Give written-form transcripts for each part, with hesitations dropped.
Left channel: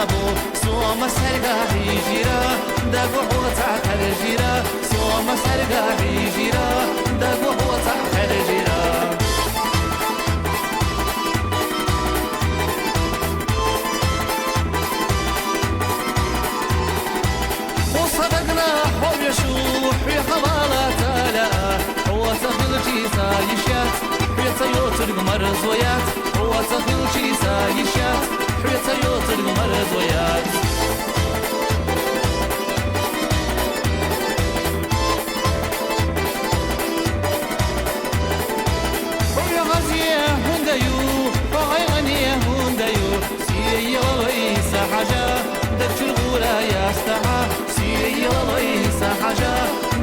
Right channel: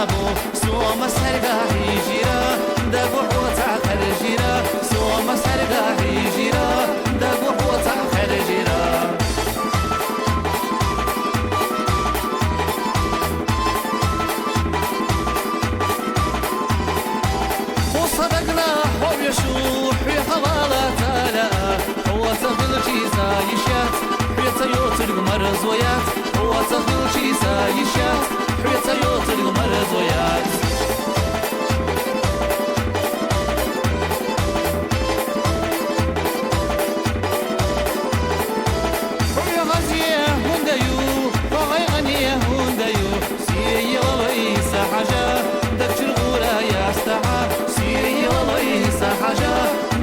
تابو سوما سرقاهي جيرا دقو تعقل جيرا سوما سرقاهي جيرا دقو تعقل جيرا وصدقنا حب يشوح في حوالات لا هو تخيل جيزا يشات حيث يوتر مرزويات هو تخيل جيزا يشات حيث يوتر مرزويات حي غزيه هنديو وغي غنيه هنديو سيري وليس حاجة دبش الغورة يا استحى سيري وليس حاجة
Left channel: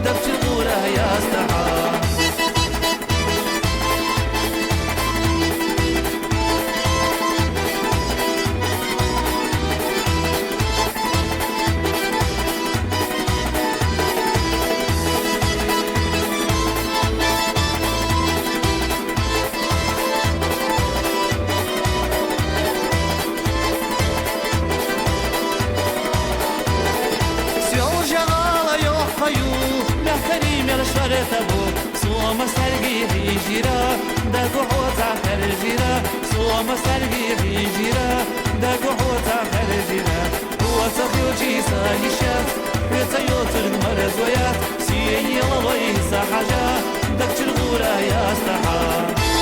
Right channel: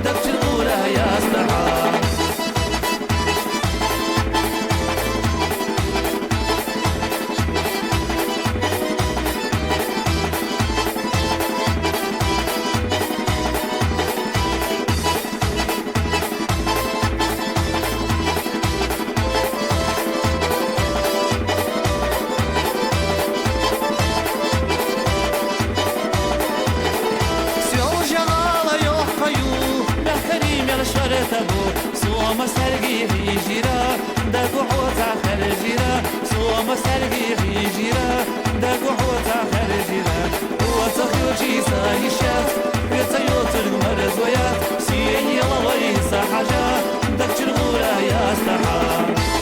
دبش الغورة يا استحى تبو سوما سرقي جيرا دقو حوتا خرجيرا سوما سرقي جيرا دقو حوتا خرجيرا هو تخيو جيسا يشات حيث يوتر مرزويات سيئي لويسا حاجة دقش الغورة يا استحى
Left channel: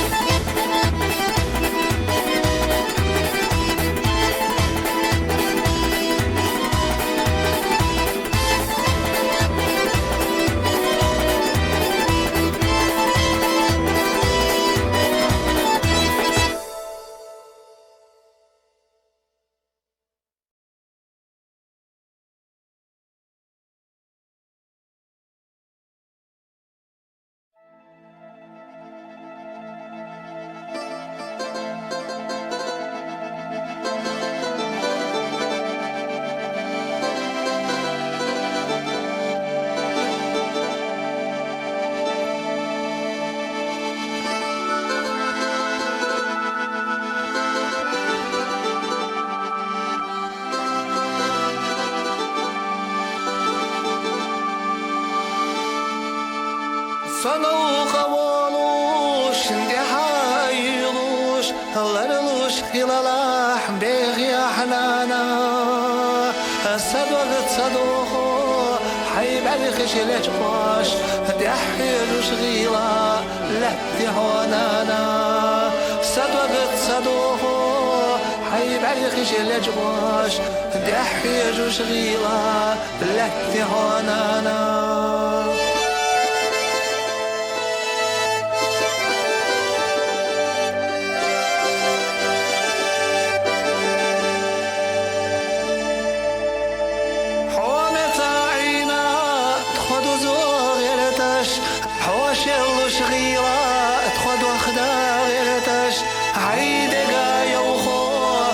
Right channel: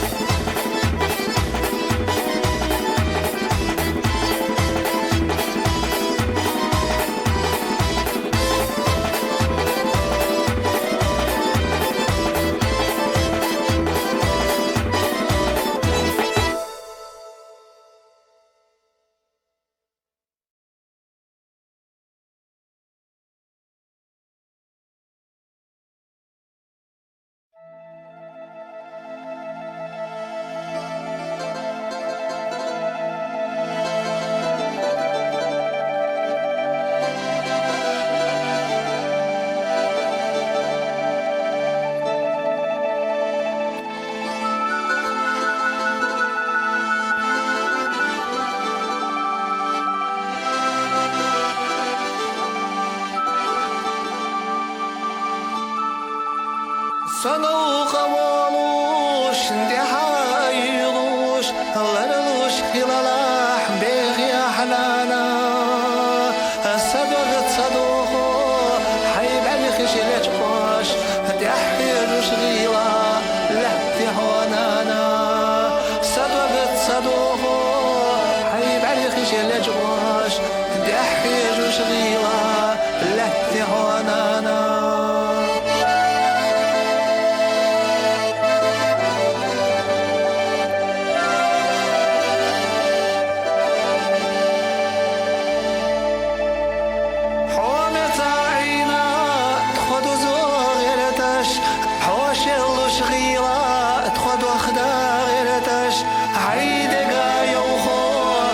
صنو قوالوش اندي حايلوش هلرلوش خلالاح بيغي حنانا صدوغت صدوغو حيب علي خشلت باش دي حيلوش غيلا لحدي هونانا صدوغت صدوغو حيب علي خشلت باش دي حيلوش غيلا لحدي هونانا حوشلوش غيرا تخد وخدا غيرتش عيدقا يوخو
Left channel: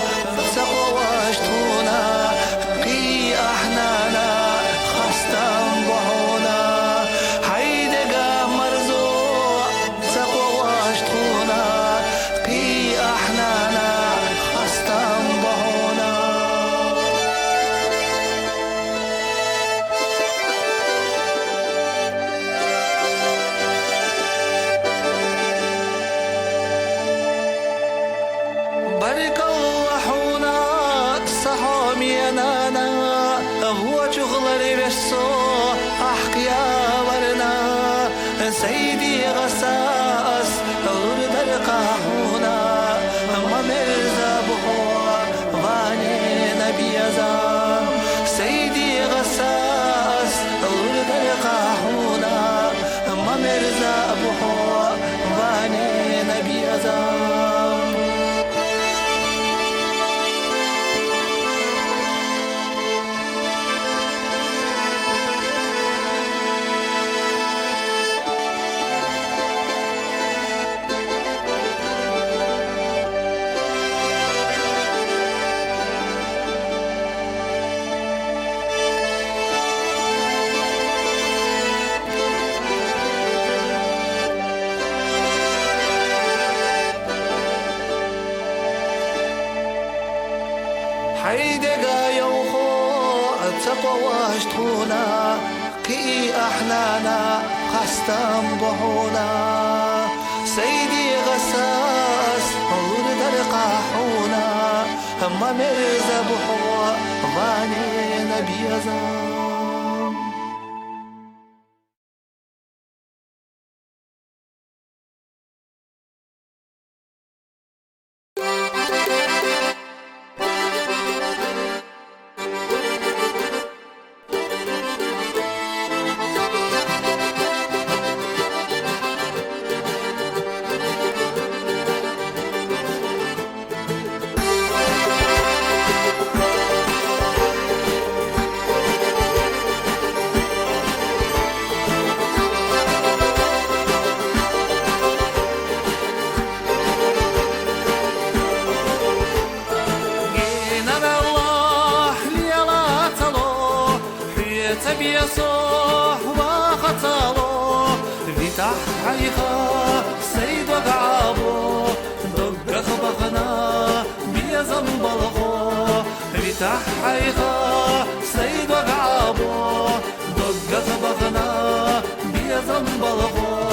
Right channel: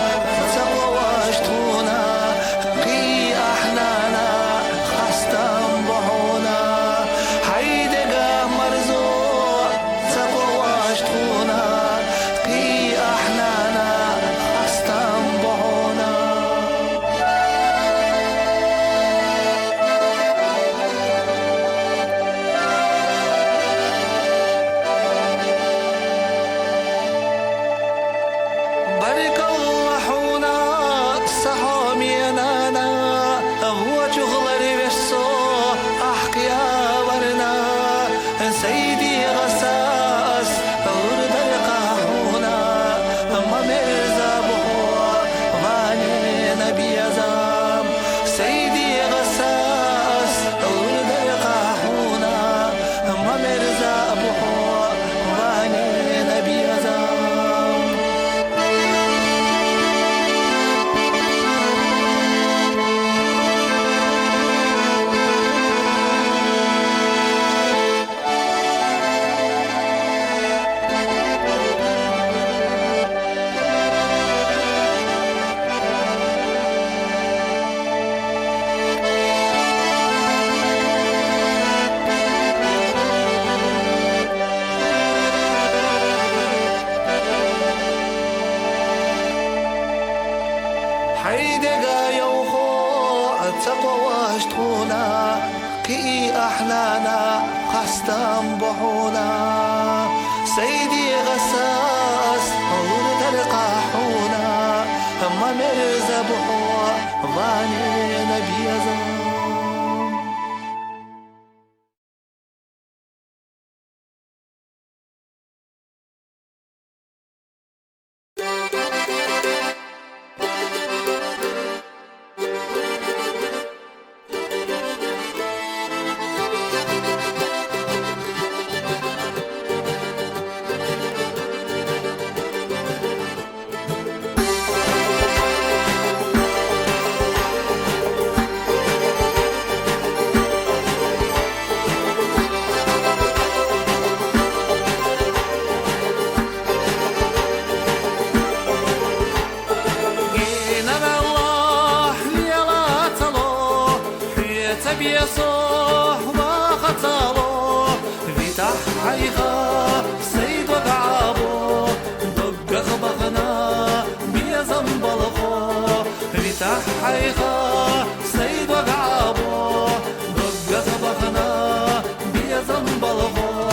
تقواش تونا قي احنانا خستم بحونا عيدقا مرزو تقواش تونا قي احنانا خستم بحونا بارك الله حونا صحامي نانا هو شغل بسو أحكيا ورنا سيدي غساس ورد القاحونا ما مرزا بحوا واني نبي زام سيدي غساس ورد القاحونا ما مرزا بحوا واني نبي زام حيدقا يوخو تقواش تخونا كي أحنانا قستم بحونا سيدي غساس الله درقاحونا ما مرزا بحوا ضاني نبي زمان تبي صح وخطالو فتح حيخا سيد وقعابو دق خبخنا بيزن بلخو فتح حيخا سيد وقعابو دق خبخنا بيزن بلخو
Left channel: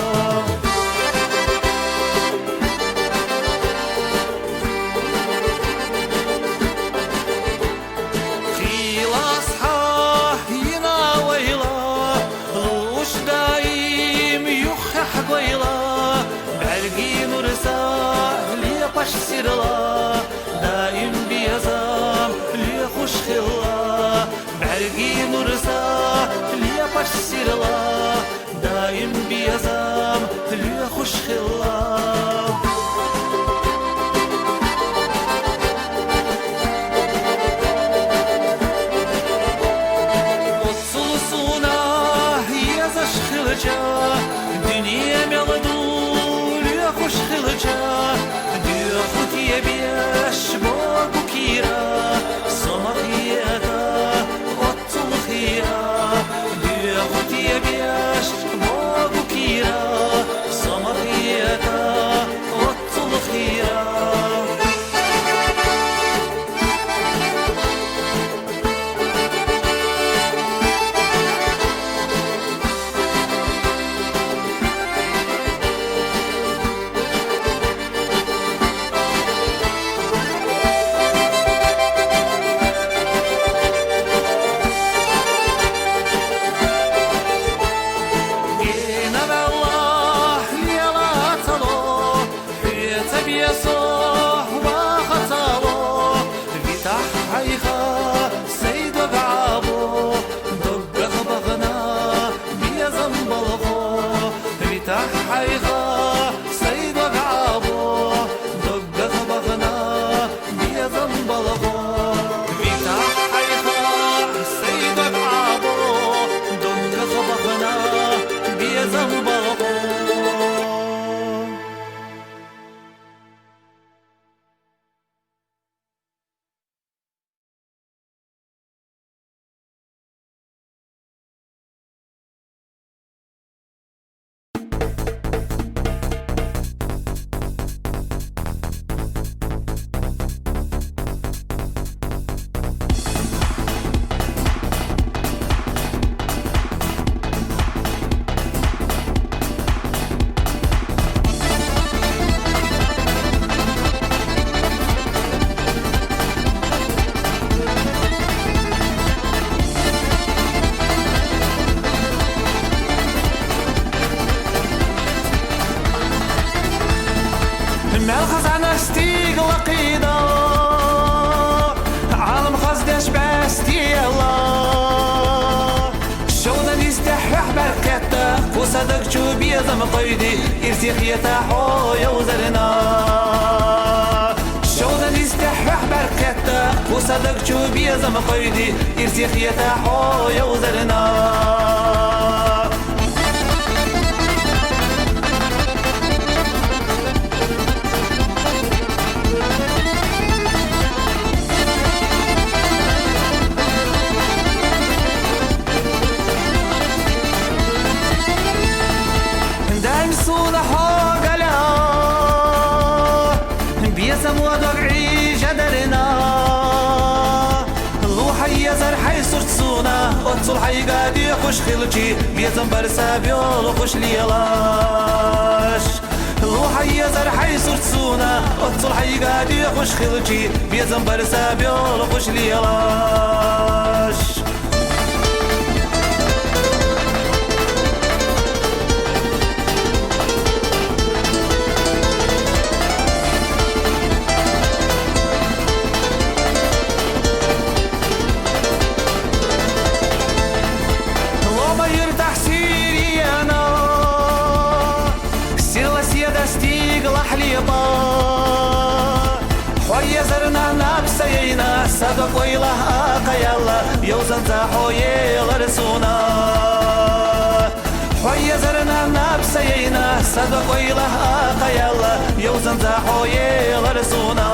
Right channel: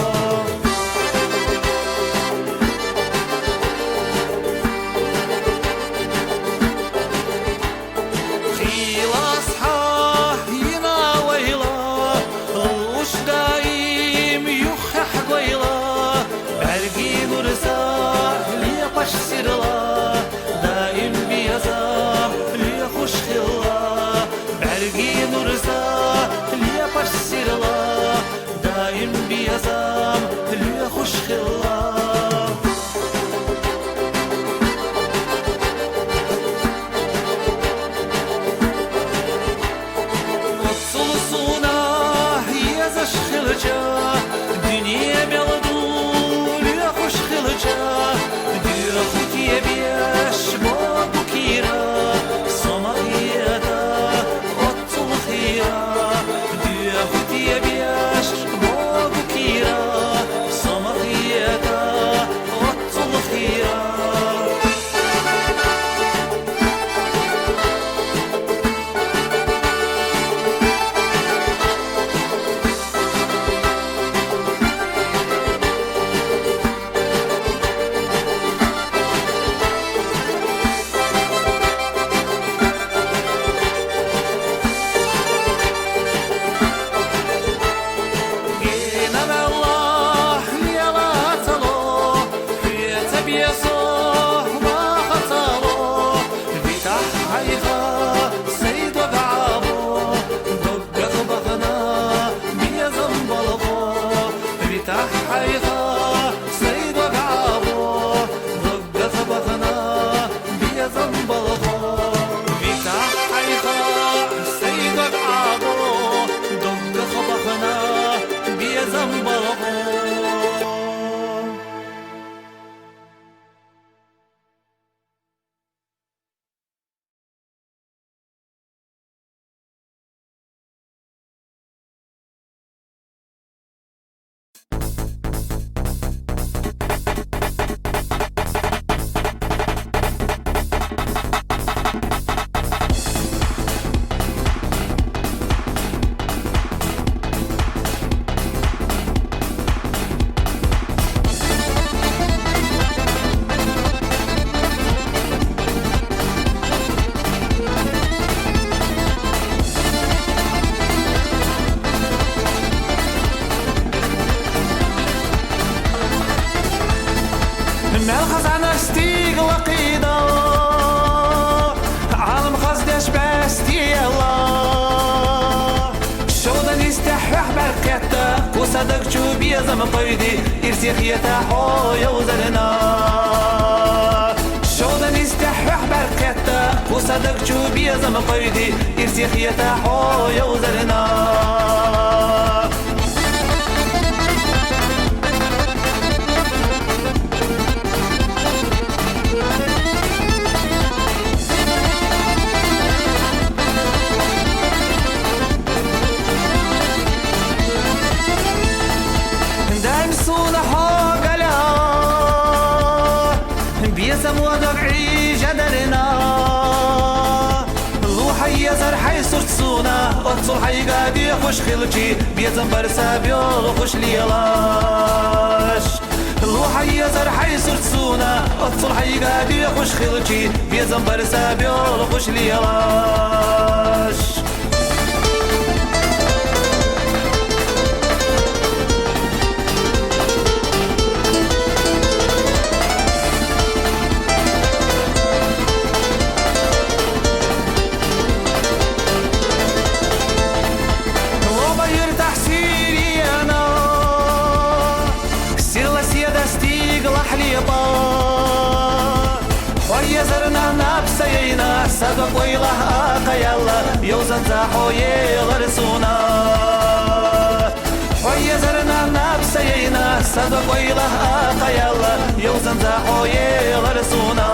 برقين ورساه لي باش سيرلا دائم بيزام لي خوش خلا برقين ورساه لي باش سيرلا دائم بيزام لي خوش خلا Dünya meladur ya hoş kılıca Diyor kutiye biyaş bogu kira Samahiyata ottul khira Diyor kutiye biyaş bogu kira Samahiyata ottul khira صح وخطالو فتح حيخا سيد وقعابو دق خبخنا بيزن بلخو فتح حيخا سيد وقعابو دق خبخنا بيزن بلخو فتح حيخا سيد وقعابو دق خبخنا بيزن بلخو ملخص عن اشتيق وقيدة عالم خزدش باستي الله شودا يستحوح بركتا وصدق شو بيزم قيدي ارتخيتا حويا وزرنا شودا يستحوح بركتا وصدق شو بيزم قيدي ارتخيتا حويا وزرنا بيسم ودقعي جدرنا صلحي قادي خوش خلتي بيزن برسا بيول خوش ليلاش الوحي زرحي سرسونا صلحي قادي خوش خلتي بيزن برسا بيول خوش ليلاش خويا زرنا نفسينا صدق ويله قيلا يوزن زحوي غرسونا خويا زرنا نفسينا صدق ويله قيلا يوزن زحوي غرسونا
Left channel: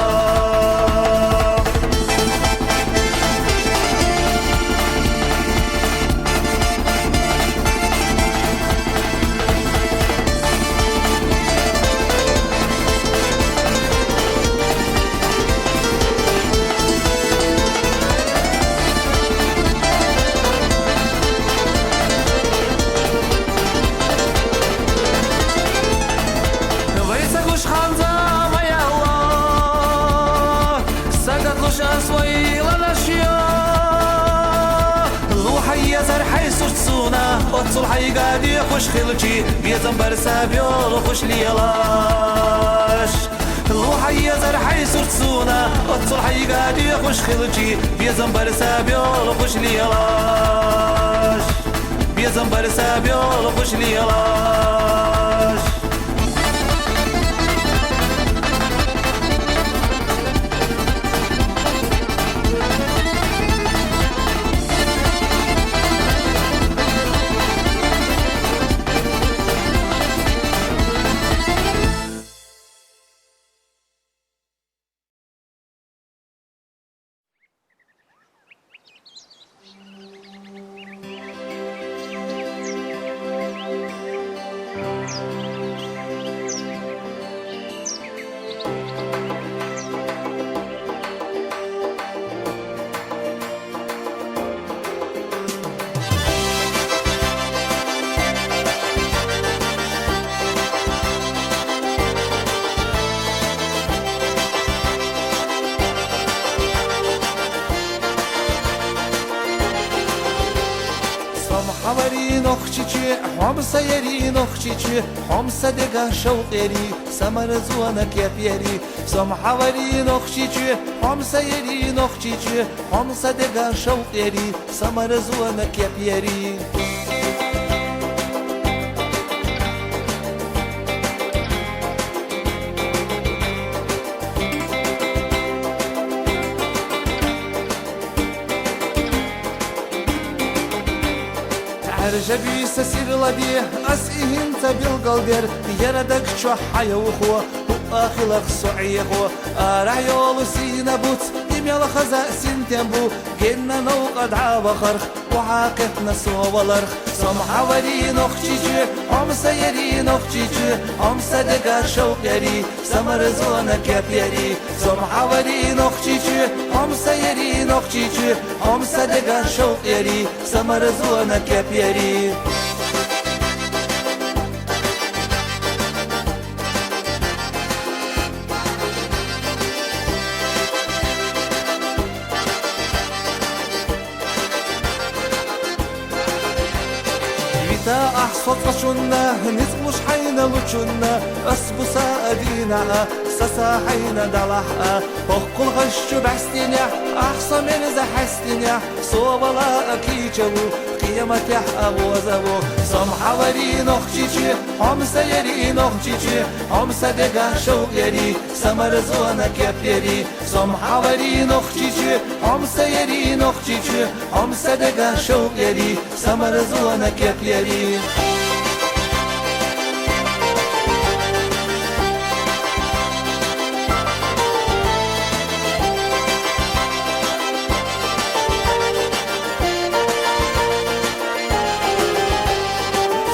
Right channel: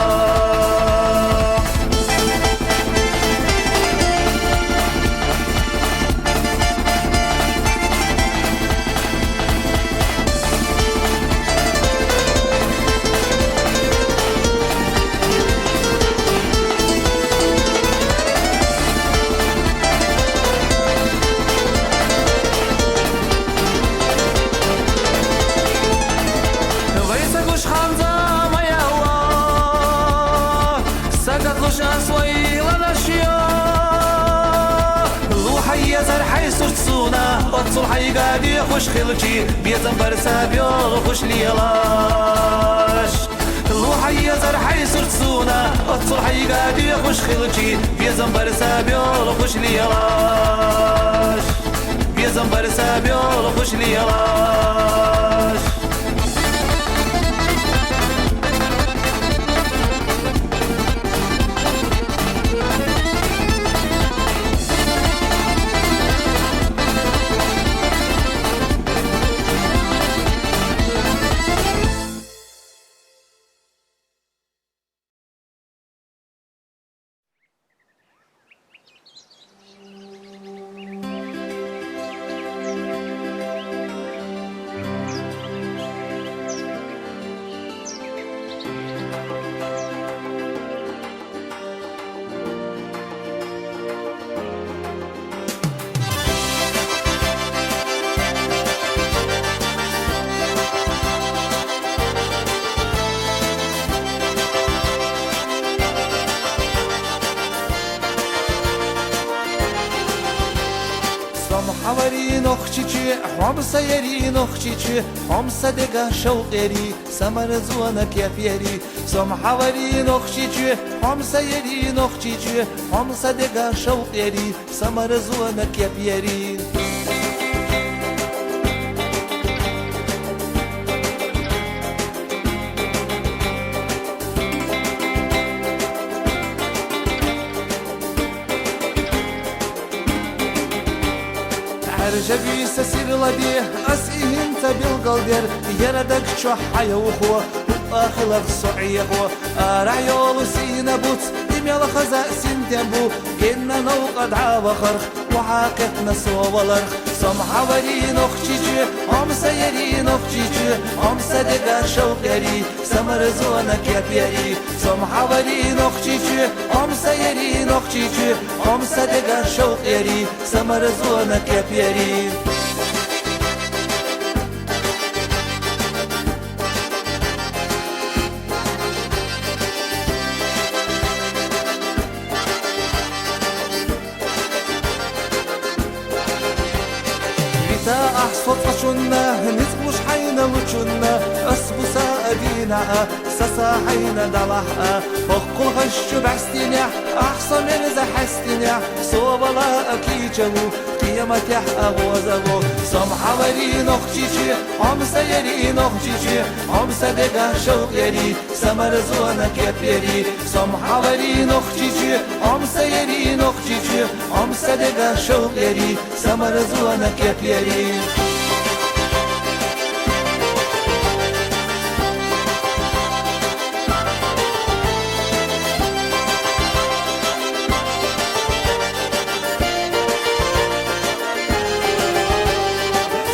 صلحي قادي خوش خلتي بيزن برسا بيول خوش ليلاش الوحي زرحي سرسونا صلحي قادي خوش خلتي بيزن برسا بيول خوش ليلاش بيزن برسا بيول خوش ليلاش حواري نخشيشي حمصة يري نخشيشي حمصة دقا شوقيري سمر زوانك يا بيري سم حواري نخشيشي حمصة يري نخشيشي حمصة دقا شوقيري سمر زوانك يا بيري عرجبي سسير لدي أسئهم تبالقلدر يردك شو حيوخو وآخلق صعيخو أرعيولو سينبوت دميال خزاء سنتنبو جنة نوقد عابخرخ وعاقتنا صوالرخ سم حواري نخشيجي هم سيري نخشيجي هم صدقا شوقيري سمر زوانك يا بيري سم حواري نخشيجي هم سيري نخشيجي هم صدقا شوقيري سمر زوانك يا بيري أحصد قشنا نزغوش حين لوشنا أسبوسا أدينا سسا حين دلحا أخل غش بعستينيا أحصى من زحستينيا صوبلا أكيجبو قيمة أغوزبو سم حواري نخشيشي هم سيري نخشيشي هم صدقا شوق يري سمر زوانك يا بيري سم حواري نخشيشي هم سيري نخشيشي هم صدقا شوق يري سمر زوانك يا بيري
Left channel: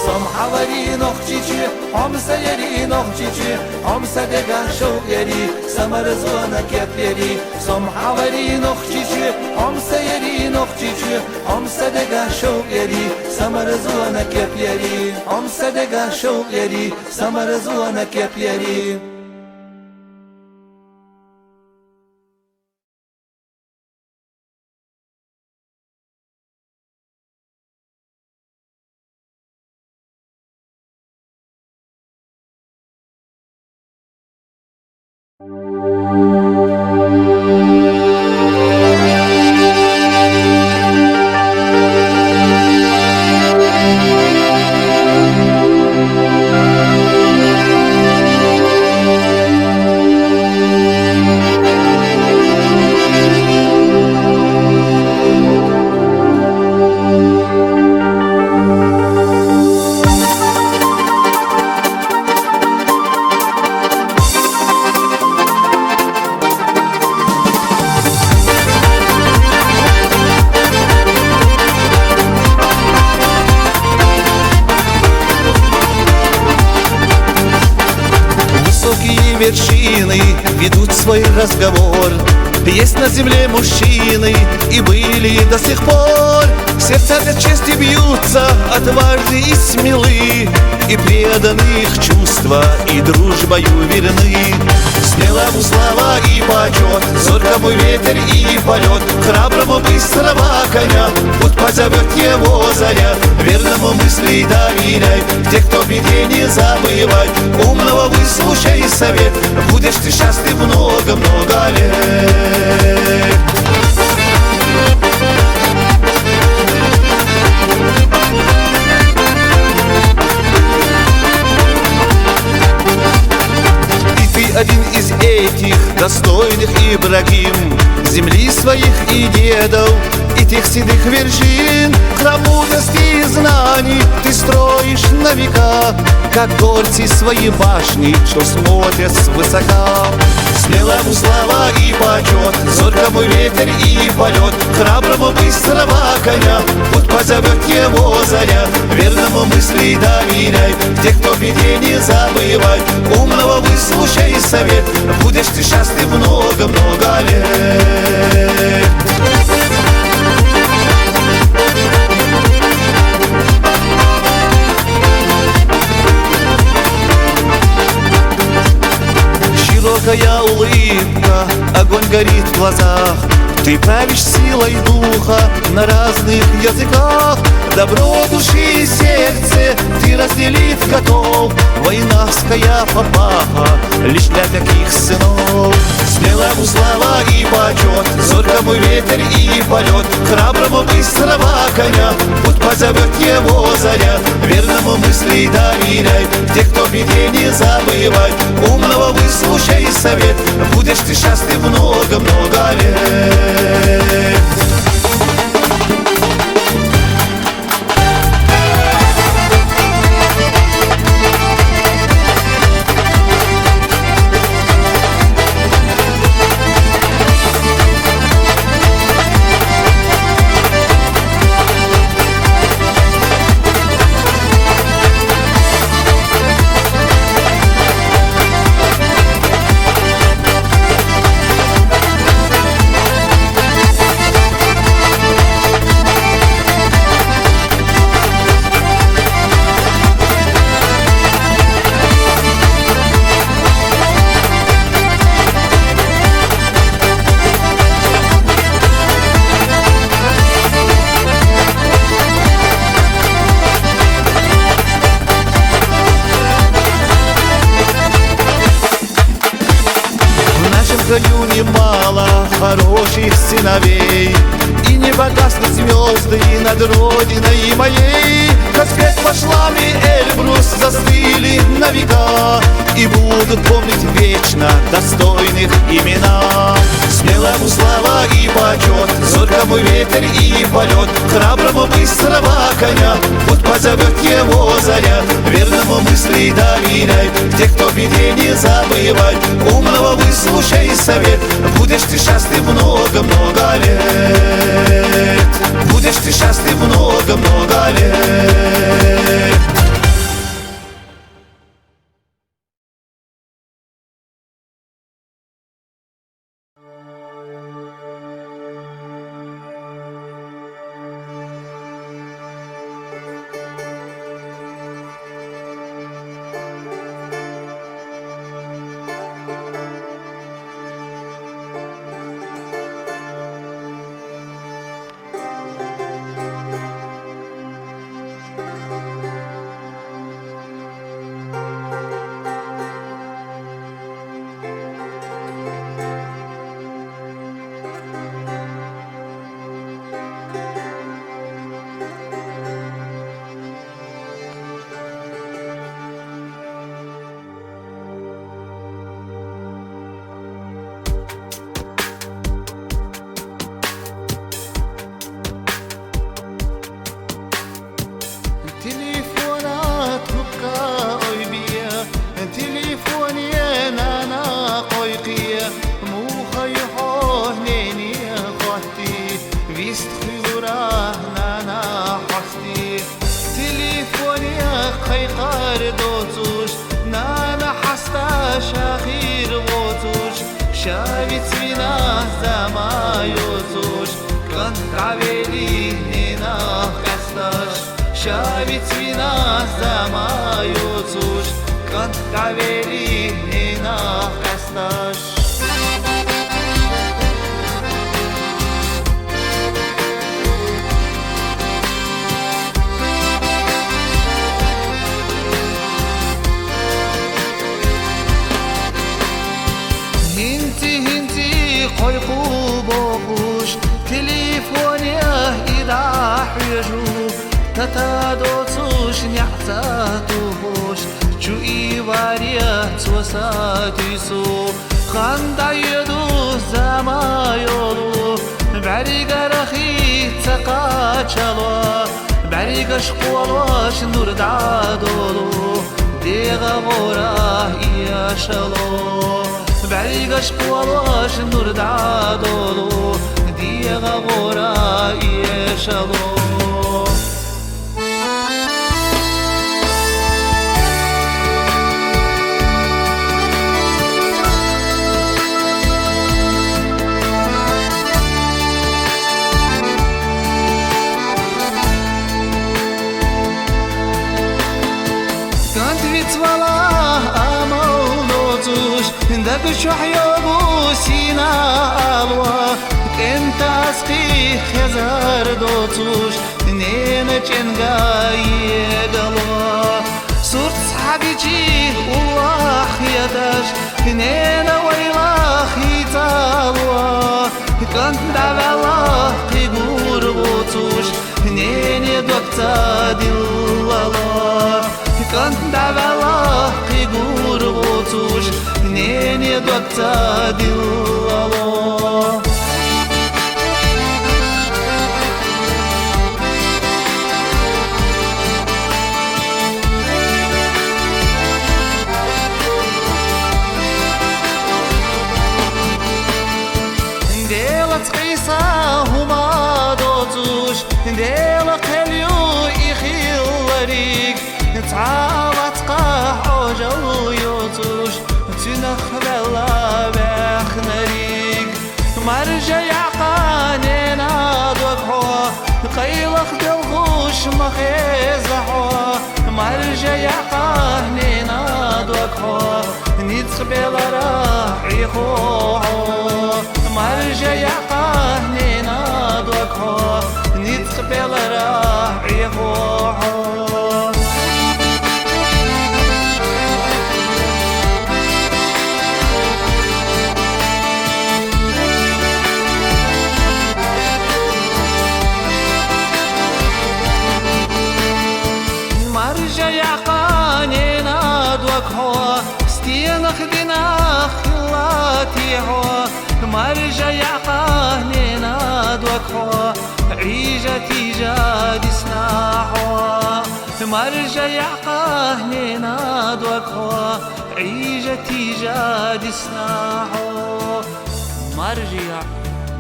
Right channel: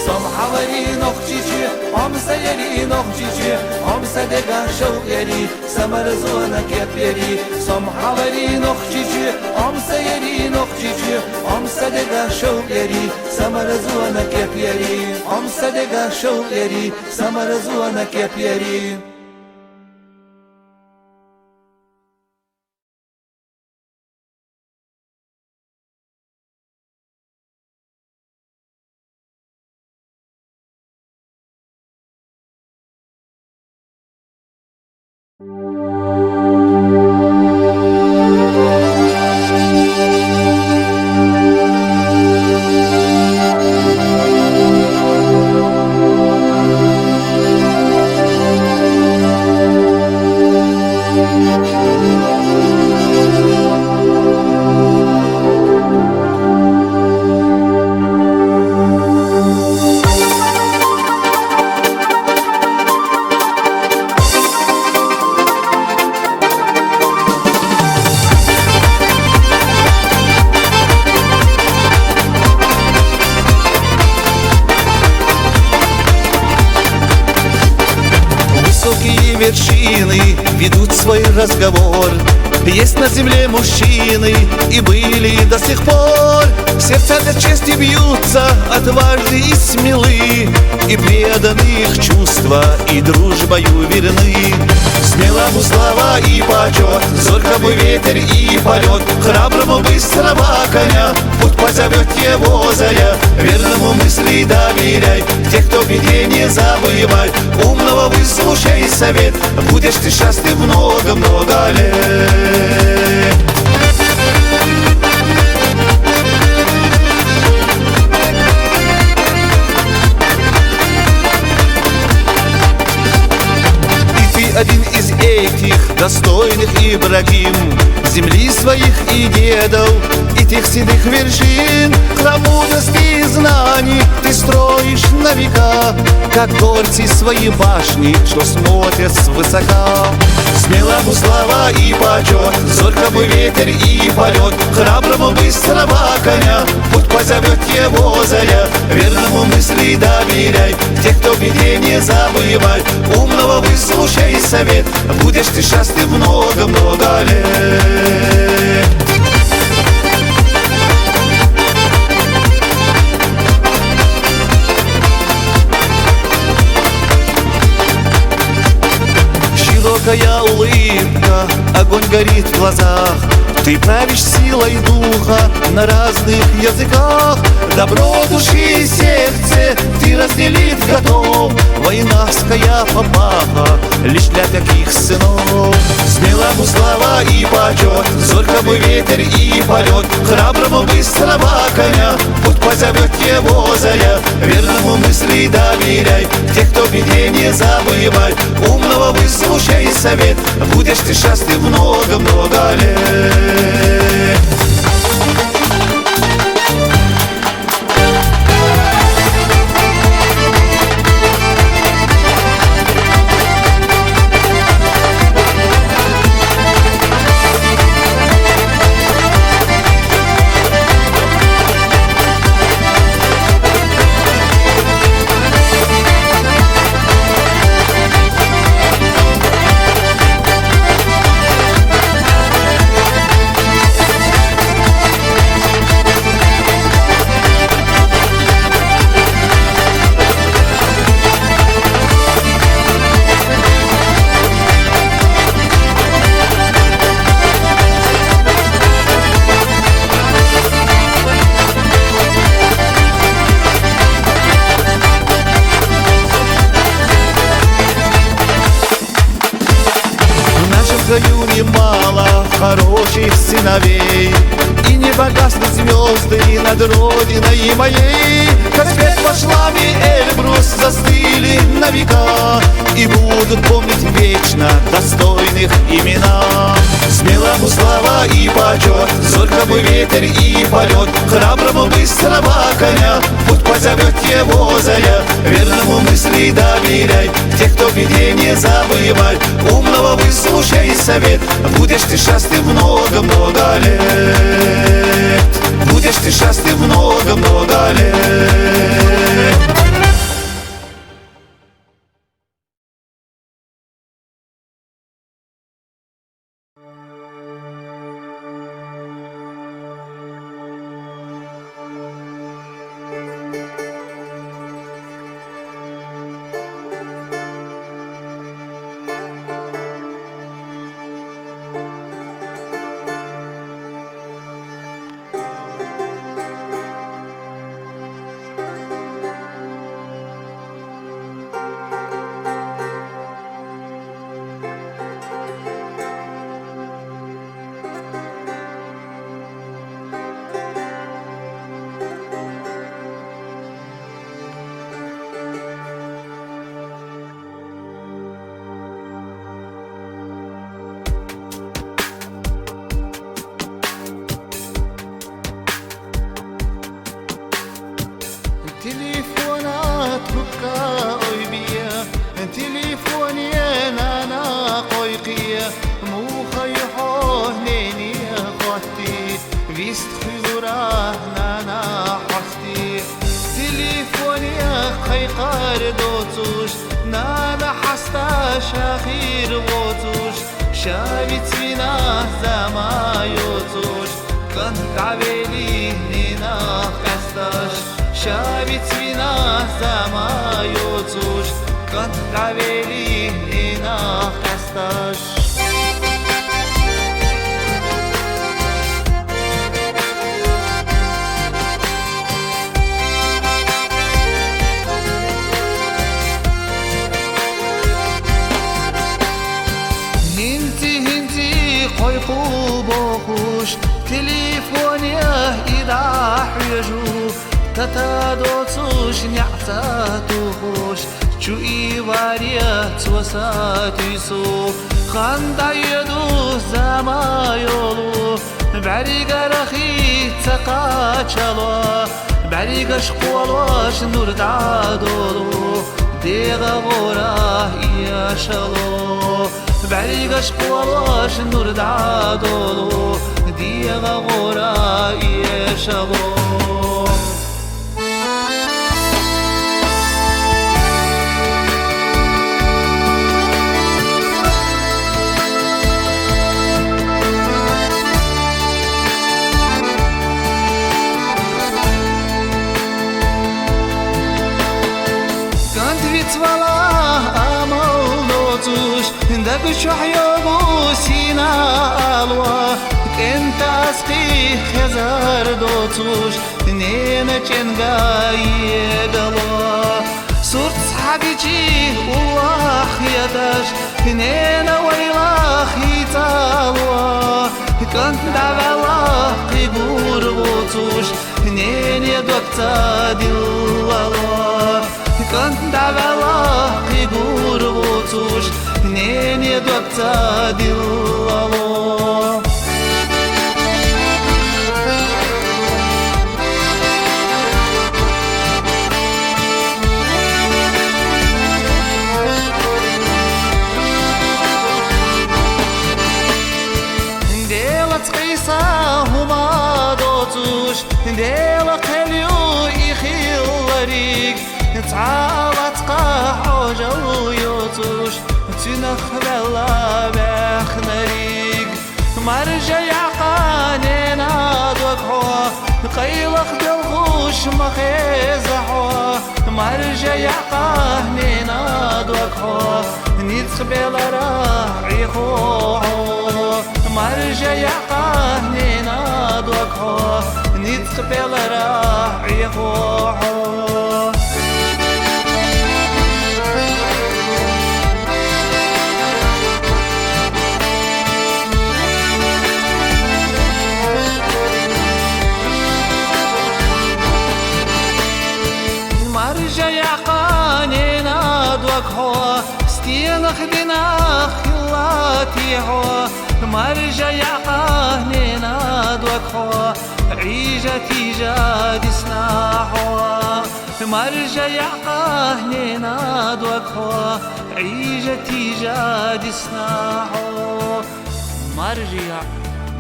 سم حواري نخشيشي هم سيري نخشيشي هم صدقا شوق يري سمر زوانك يا بيري سم حواري نخشيشي عمسة يري نقجيجي عمسة دقا شوق يري سمر زوانك يا بيري عمسة دقا شوق يري سمر زوانك يا بيري Высокие вершины ведут свой разговор. Есть на земле мужчины и были до сих пор. Сердца для чести бьются, отважны и смелы, и преданы их чувства, и дружбою верны. Смелому слава и почет, зоркому ветер и полет, храброму быстрого коня путь позовет его заря. Верному мысли доверяй, тех, кто в беде, не забывай. Умного выслушай совет, будешь ты счастлив много-много лет. Один из этих достойных Ибрагим, земли своих и дедов, и тех седых вершин. Храм мудрости и знаний ты строишь на века, как горцы свои башни, что смотрят свысока. Смелому слава и почет, зоркому ветер и полет, храброму быстрого коня путь позовет его заря. Верному мысли доверяй, тех, кто в беде, не забывай. Умного выслушай совет, будешь ты счастлив много-много лет. Широкая улыбка, огонь горит в глазах. Ты правишь силой духа на разных языках. Добро души и сердце ты разделить готов. Войнавская папаха лишь для таких сынов. Смелому слава и почет, зоркому ветер и полет, храброму быстрого коня путь позовет его заря. Верному мысли доверяй, тех, кто в беде, не забывай. Умного выслушай совет, будешь ты счастлив много-много лет. В краю немало хороших сыновей, и не погаснут звезды над родиной моей. Каспет пошлами Эльбрус застыли на века, и будут помнить вечно достойных имена. Смелому слава и почет, зоркому ветер и полет, храброму быстрого коня путь позовет его заря. Верному мысли доверяй, тех, кто в беде, не забывай. Умного выслушай совет, будешь ты счастлив много-много лет. Будешь ты счастлив много-много лет. تليفونات بكا بيا تليفوني انا قويقيا مو خيحوه ليني خوتي فيست خيوراه نانا حستي تليفوني خيقار دوتوش نانا حستا شاخير غوتوش شابت بنا زما يوتوش كان قابلي نينا قستاش شابت بنا زما يوتوش كان قابلي نينا قستاش هنتي قيقو بوخوش تليفوني إذا حيجو تتادوتوش نعتاتوش شو إيواريا توساتيسو خاندا يدو زما يولو بعريق رخي تقاتشالو بعريق شقوالوش نور دادولو ديغا غورا إياشالو بعريق شقوالوش نور دادولو ديغا غورا إياشالو والله أمولوتوش دق شحيوبو سينا ألوا كنت أسقي خزار دوتوش نينا جنغا يدلوا صورت صحابيجي والله يداش نينا ويلا خيتالوا كنت دعوا قيقور بوتوش نينا دوكتا دلالوا كنت دعوا قيقور بوتوش نيني دوكتا دلالو ديلا تقيسا هما دوتوش ديلا قليو إخيل تعالت قاحو جويوتوش تنخبلا بخنريق مرجع يعقانينا دوكحوا قيلخ دلغوش مخيزحوا مرجع يعقانينا دوكحوا نتخبل راحي خوحوا مرجع يعقانينا دوكحوا نتخبل راحي خوحوا مرجع يعقانينا دوكحوا ستينخ ديناخ خلاتي حوا مرجع يعقانينا دوكحوا عيجة تيجاد سناحوا مرجع يعقانينا دوكحوا عيجة تيجاد سناحوا مرجع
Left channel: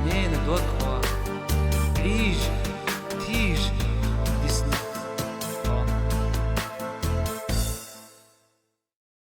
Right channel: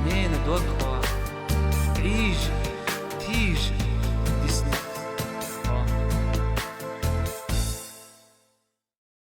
نينا دوكحوا عيجة تيج